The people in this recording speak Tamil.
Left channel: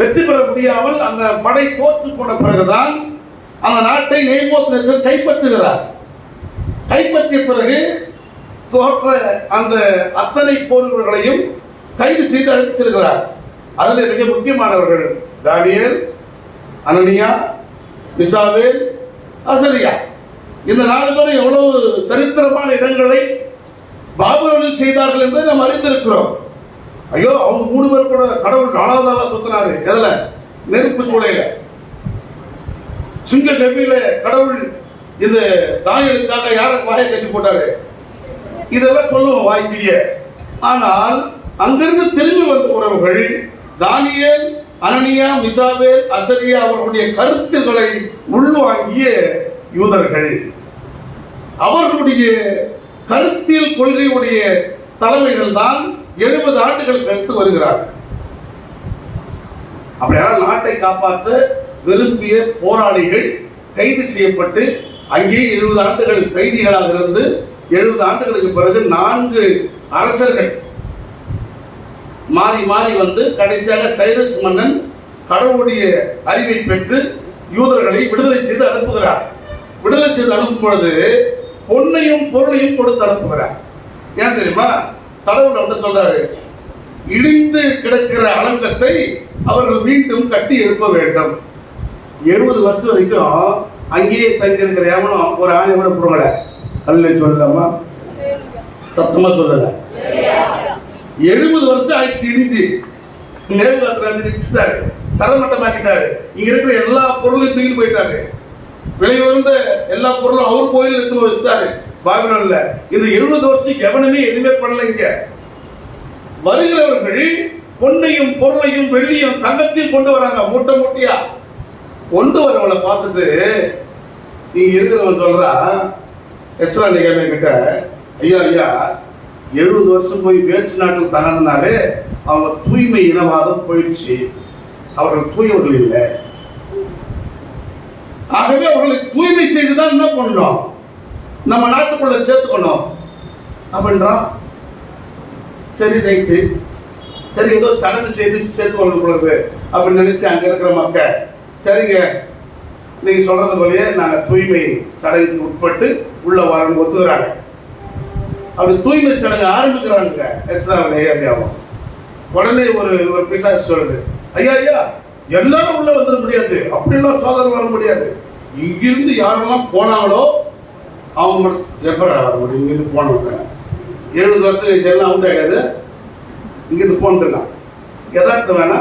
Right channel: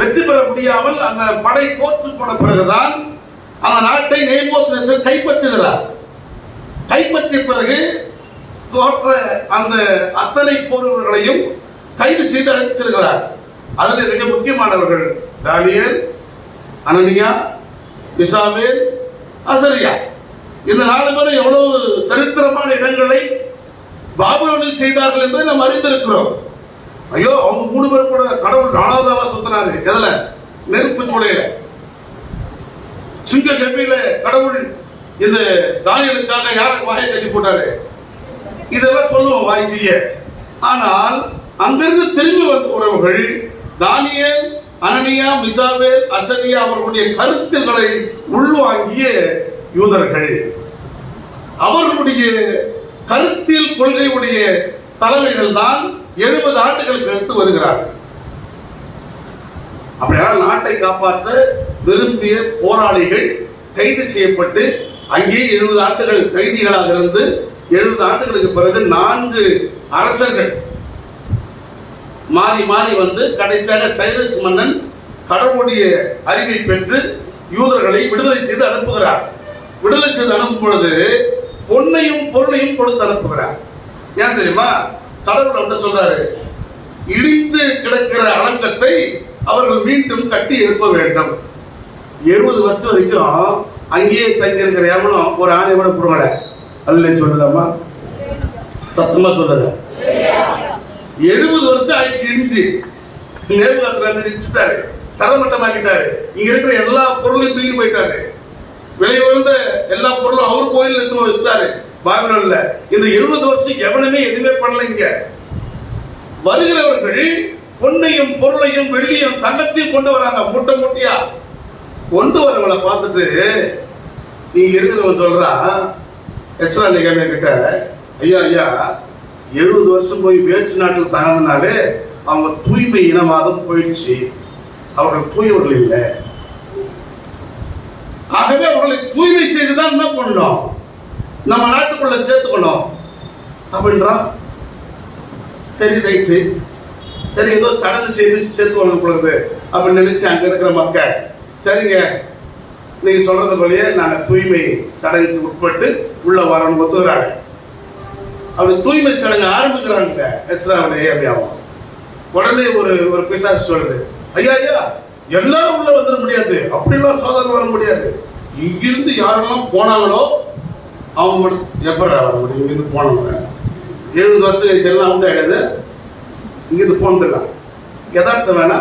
வெற்றி பெற முடியாமல் அந்த படை தோற்று போன பிறகுதான் அந்த நாட்டை நேபுகாத்நேச்சர் கைப்பற்றுகிறார். கைப்பற்றிய பிறகு தோற்ற அந்த அத்தனை போர்வர்களையும் கைது செய்து அழைத்து செல்கிறார். அதில் மிக முக்கியமானவர்கள் தானியேல், அனனியா, மிசாவேல், அசரியா. இந்த 4 பேரும் எவ்வளவு சரித்திரமான இடங்களை பாபிலோனில் செய்தார்கள் என்பதை நாம் அறிந்திருக்கிறோம். ஐயோ, அவங்க 3 பேர் கூட கடவுள் 4வது ஆளா சுத்தினாரு. எதுல? நெருப்பு சூளையில, சிங்க கபில கடவுள் இந்த தானியேலுக்காக யாரும் வாயை தட்டி போட்டாரு. இதெல்லாம் சொல்லுவோம் வாய்ப்பிய. ஆனால் அங்கிருந்து திரும்பி வந்த உறவுகள் தானியேல், அனனியா, மிசாவேல், அசரியா அவர்களுடைய கருத்துக்களை உள்வாங்கிய யூதர்கள், அவர்களுடைய கருத்தியல் கொள்கையுடைய தலைமைகள் தான் 70 ஆண்டுகளுக்கு அடுத்து வருகிறார்கள். அப்படியான நாட்டை காப்பாற்ற விரும்பிய போராளிகள் கைது செய்யப்பட்டு அங்கே 70 ஆண்டுகள் கைதிகளாக இருந்து 70 ஆண்டுகளுக்கு பிறகு 4 அரசர்கள் மாறி மாறி வந்து கடைசியாக சைரஸ் மன்னன் கடவுளுடைய அறிவை பெற்று யூதர்களை விடுதலை செய்து அனுப்புகிறார். விடுதலை செய்து அனுப்பும் பொழுது பொன்னையும் பொருளையும் கொடுத்து அனுப்புகிறார். ஏன் தெரியுமா? கடவுள் அப்படி சொல்றாரு, இடிந்து கிடக்கிற அலங்கத்தை அவர்கள் மீண்டும் கட்டி எழுப்ப வேண்டும். 70 வருஷம் வரைக்கும் அங்கேயே தங்கி இருக்கிற எவனும் ஒரு ஆணை கூட கொடுங்கட அல்ல சொல்லலாமா? சத்தமா சொல்லல. 70 வருஷம் ஆயிடுச்சு இடிஞ்சு. நேபுகாத்நேச்சர் தரமட்டமாக்கிட்டாரு. இங்க இருக்கிற எல்லா பொருளையும் தூக்கி போயிட்டாரு. வெளியே வந்த எல்லா பொருளும் அவர் கோயில் எடுத்து வச்சாரு பாபிலோன்ல. இந்த 70 வருஷம் எவனுமே எதுவுமே பண்ணல. இங்க வருகிறவர்கள் பொன்னையும் பொருளையும் வெள்ளியும் தங்கத்தையும் கொண்டு வராங்க. மூட்டை மூட்டையா கொண்டு வரவங்களை பார்த்துட்டு இங்க இருக்கிறவங்க சொல்றா, எக்ஸ்ட்ரா நிகழ்மை கிட்ட, ஐயா ஐயா 70 வருஷம் போய் வேற்று நாட்டில் தங்கினாலே அவங்க தூய்மை இனவாதம் போயிடுச்சு, அவர்கள் தூயவர்கள் இல்லை. ஆகவே அவர்களை தூய்மை செய்துதான் என்ன பண்ணணும், நம்ம நாட்டுக்குள்ள சேர்த்துக்கணும் அப்படின்றான். சரி ரைட்டு, சரி ஏதோ சடங்கு செய்து சேர்த்து வளர்ந்து அப்படின்னு நினைச்சு அங்க இருக்கிற மக்கள், சரிங்க நீங்க சொல்றது போலயே நாங்க தூய்மை சடங்குக்கு உட்பட்டு உள்ள வரணும் ஒத்துக்கிறாங்க. அப்படி தூய்மை சடங்கு ஆரம்பிக்கிறாங்க. எக்ஸ்ட்ரா ஏரியாவும் உடனே ஒரு பிசாசு சொல்லுது, ஐயா ஐயா எல்லாரும் உள்ள வந்துட முடியாது, அப்படிலாம் சோதனை வர முடியாது. இங்கிருந்து யாரெல்லாம் போனாங்களோ அவங்க எப்படி இங்கிருந்து போனவங்க 70 வருஷம் எல்லாம் உண்டு ஆயிடாது. இங்கிருந்து போனதுலாம் யதார்த்தம் வேணா